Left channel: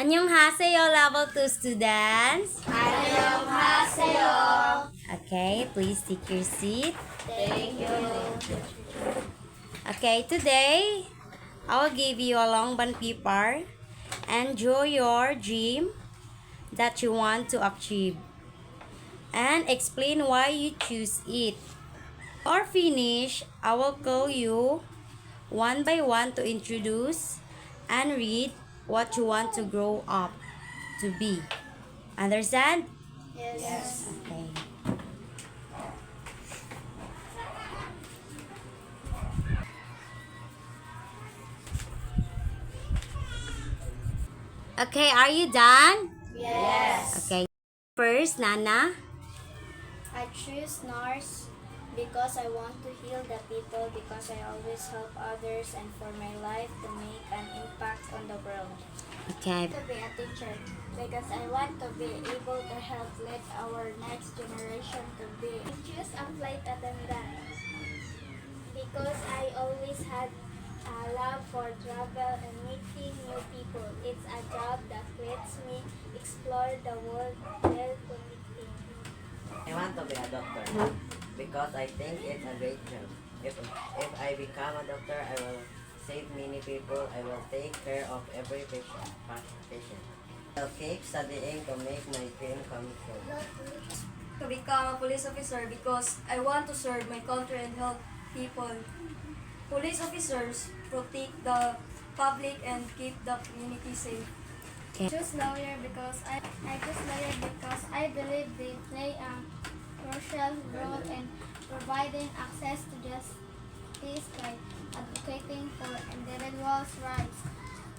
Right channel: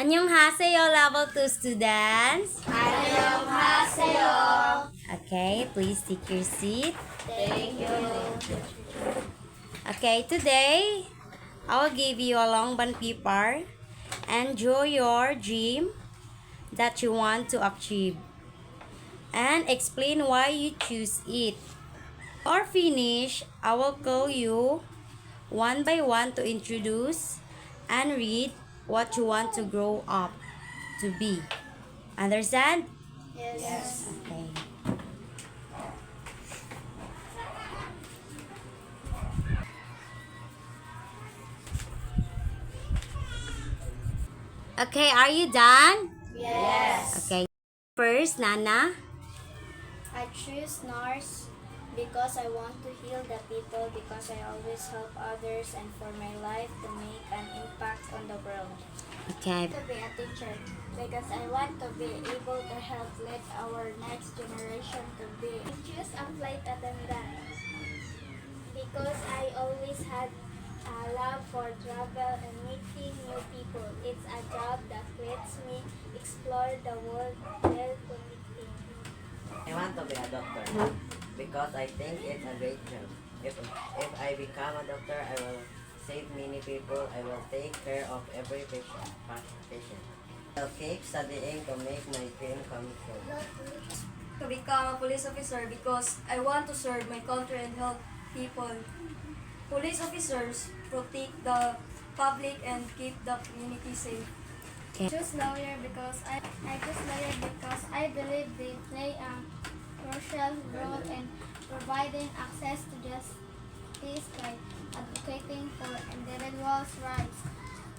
Annyeonghaseyo, level 2 students. Annyeonghaseyo. Okay, please take your seat. Thank you. Okay, today I will give you a long band paper and draw your dream that you want to achieve and explain why you choose it. Or finish, I will call you one by one to introduce and read what you want to grow up to be. Understand? Yes. Okay. Okay, are you done? Yes. Okay. First, Nana. I choose nurse because I want to heal the people, because I always help others, and for my life to make an impact on the world. Okay. To be a teacher because I want to be able to help lead our next generation to be. I choose a flight attendant because I always had a love for travel and meeting new people. It's a job that lets me explore the world while connecting. I want to be a doctor because I think it's a great job. If I become a doctor, I will save many people. I will take care of every patient. I'll keep studying to make my dream come true. To become a police officer because I want to serve my country and help people. Police officers protect the public and keep the community safe. Choose lawyer because I believe they play a crucial role in providing access to justice by advocating for individuals' rights,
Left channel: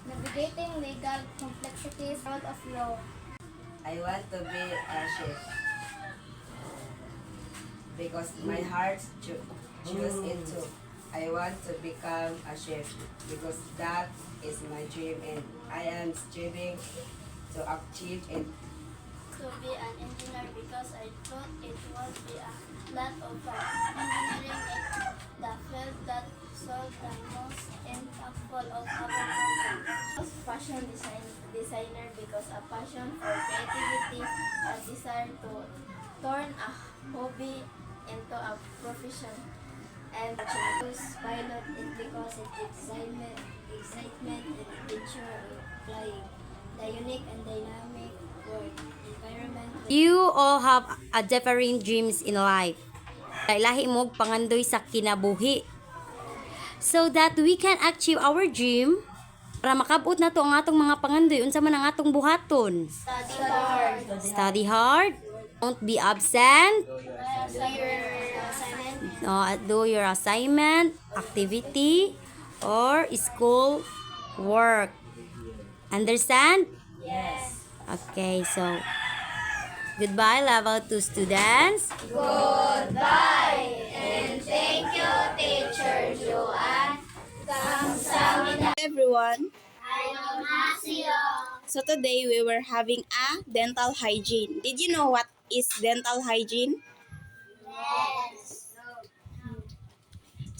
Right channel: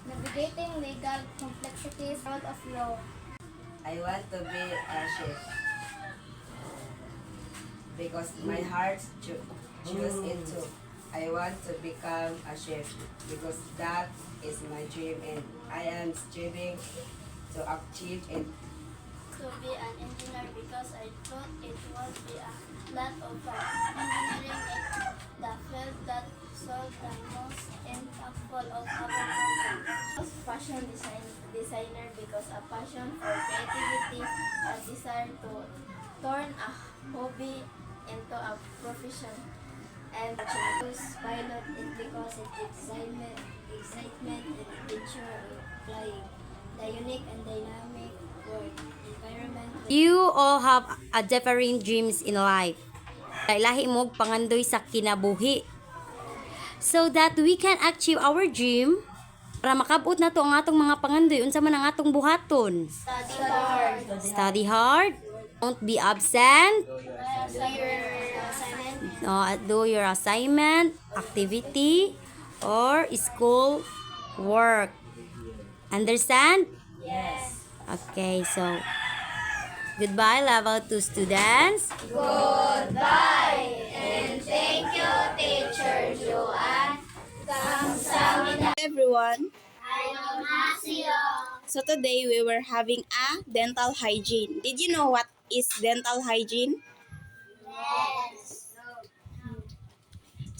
navigating legal complexities out of law. I want to be a chef because my heart choose it too. I want to become a chef because that is my dream and I am striving to achieve it. To be an engineer because I thought it would be a lot of fun. Engineering is the field that solves the most impactful of our country. Fashion designer because a passion for creativity, a desire to turn a hobby into a profession. And choose pilot is because it excitement and adventure of flying, the unique and dynamic work environment. You all have a different dreams in life. Lahi mo pangandoy sa kinabuhi. So that we can achieve our dream, para makabot na to ang atong mga pangandoy, unsa man ang atong buhaton. Study hard. Study hard. Don't be absent. Do your assignment, activity, or school work. Understand? Yes. Okay, so goodbye, level 2 students. Goodbye and thank you, Teacher Joanne. Kamsahamnida. Everyone. Annyeonghaseyo. So today we were having a dental hygiene. Did you know what is dental hygiene? Yes.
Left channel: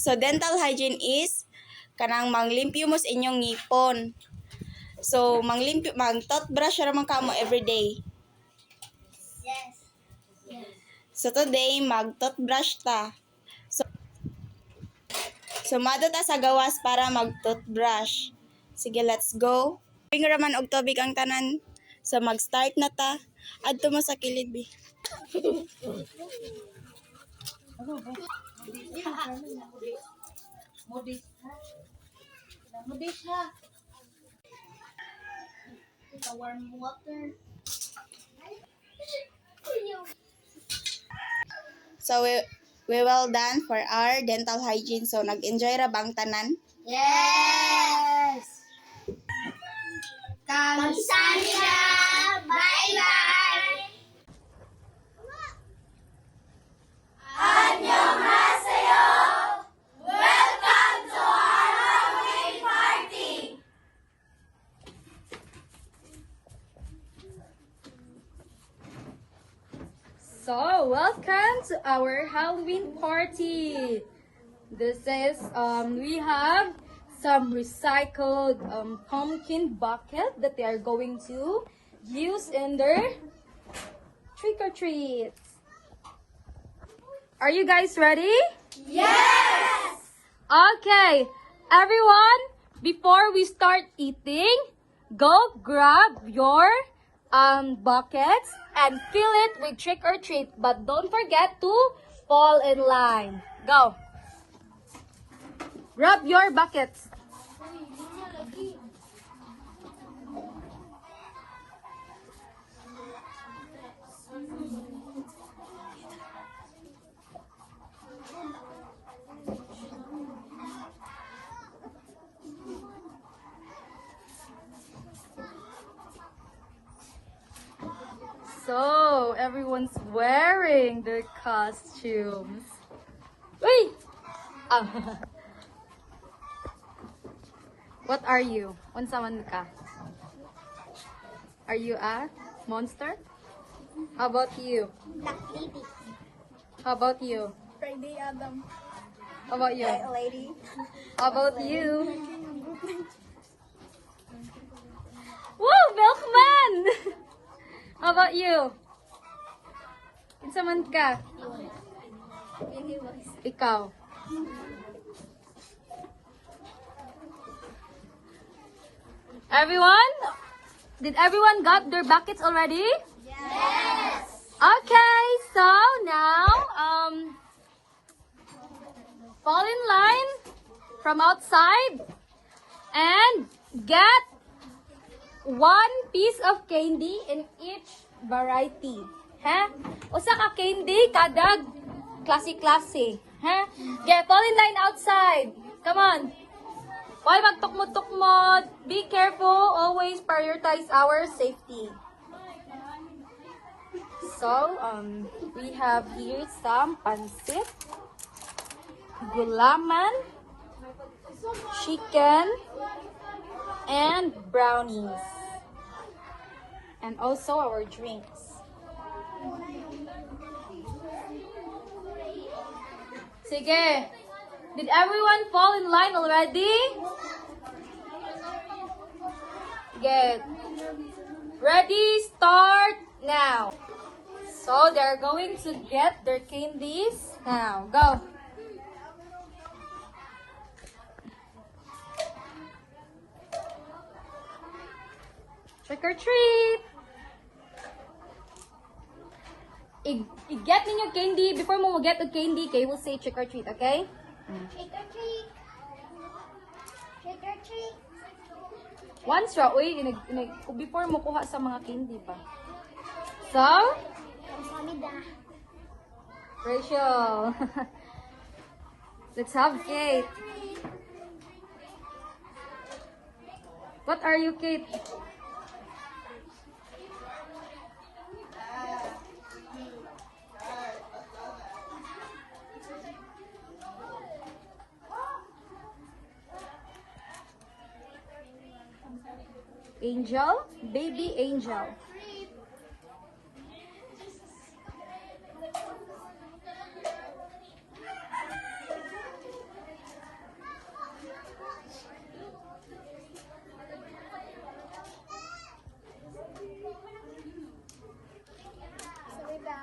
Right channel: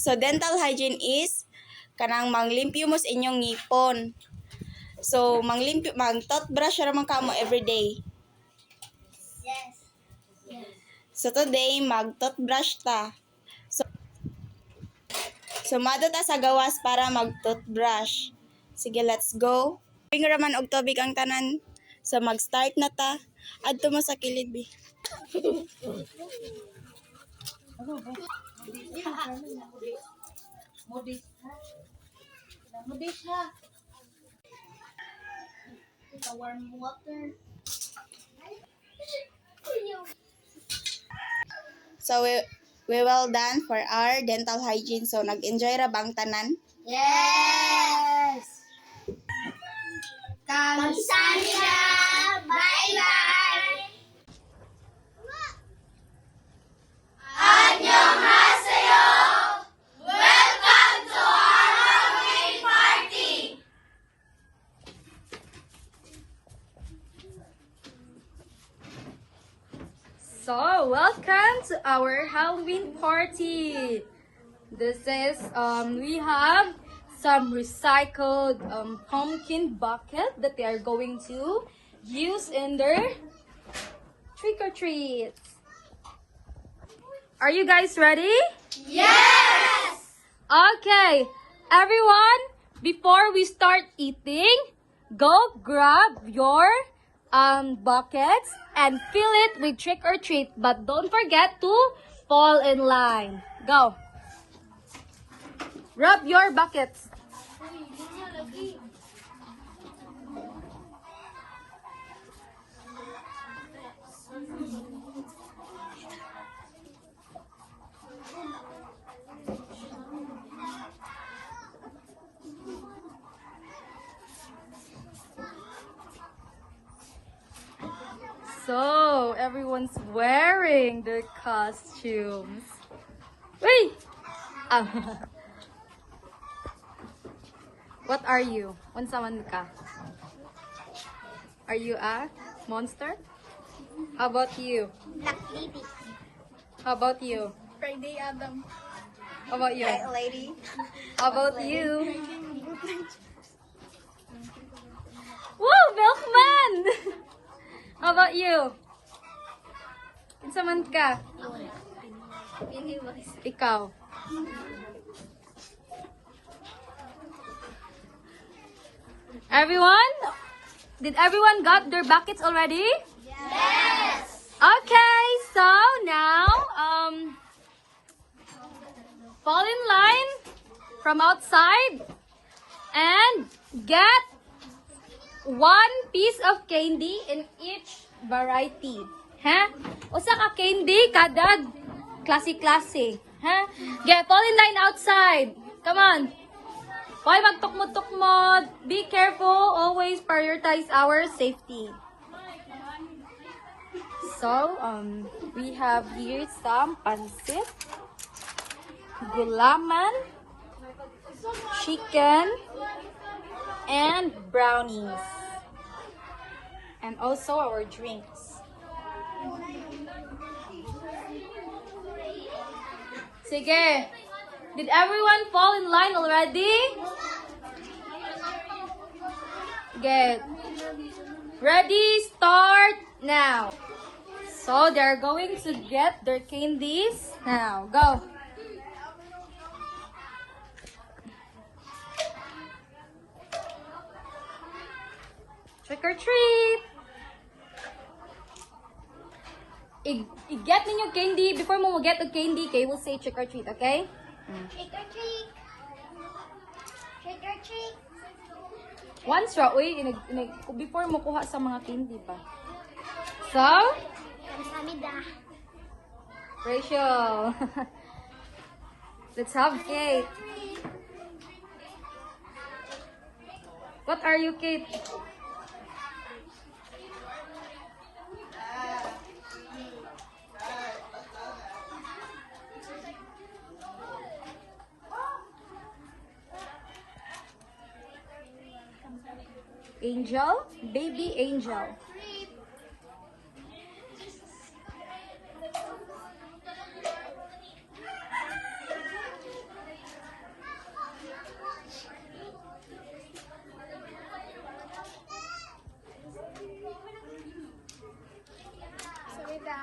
So dental hygiene is kanang manglimpyo mo sa inyong ngipon. So mag-toothbrush ra man kamo every day. Yes. So today mag-toothbrush ta. So mado ta sa gawas para mag-toothbrush. Sige, let's go. Bring raman og tubig ang tanan. So mag-start na ta. Adto mo sa kilid bi. Warm water. So we well done for our dental hygiene. So nag-enjoy ra bang tanan? Yes. Kamsahamnida. Bye-bye. Annyeonghaseyo. Welcome to our Halloween party. So, welcome to our Halloween party. This is we have some recycled pumpkin bucket that they are going to use in their trick or treats. Are you guys ready? Yes! Okay, everyone, before we start eating, go grab your buckets and fill it with trick or treat. But don't forget to fall in line. Go. Grab your buckets. So, everyone's wearing their costumes. Wait! What are you? Unsa man ka? Are you a monster? How about you? Black lady. How about you? Friday Adam. How about you? Lady. How about you? Woo! Milkman! How about you? Unsa man ka? Ikaw. Everyone? Did everyone got their buckets already? Yes! Okay, so now, fall in line from outside and get one piece of candy in each variety. Ha? Usa ka candy kada klase-klase. Ha? Get fall in line outside. Come on. Hoy, magtukmod-tukmod. Be careful. Always prioritize our safety. So, we have here some pansit, gulaman, chicken, and brownies. And also our drinks. Sige. Did everyone fall in line already? Good. Ready, start now. So they're going to get their candies now. Go. Trick or treat. I-get ninyo candy. Before mo get a candy, kayo will say trick or treat, okay? Trick or treat. Trick or treat. Once ra, uy, before mo kuha sa mga candy pa. So, Samida. Rachel. Let's have cake. What are you, Kate? Angel? Baby Angel. Samida.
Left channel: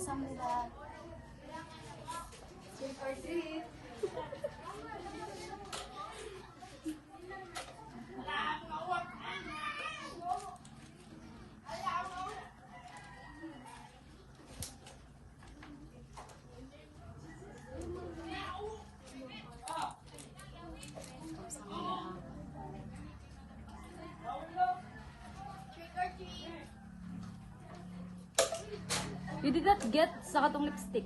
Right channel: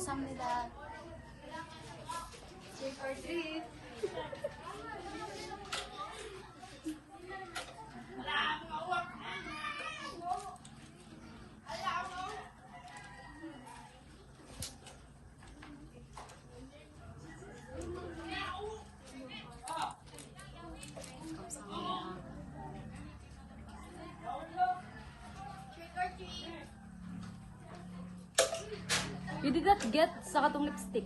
Samida. Trick or treat. bigat get sa katong lipstick.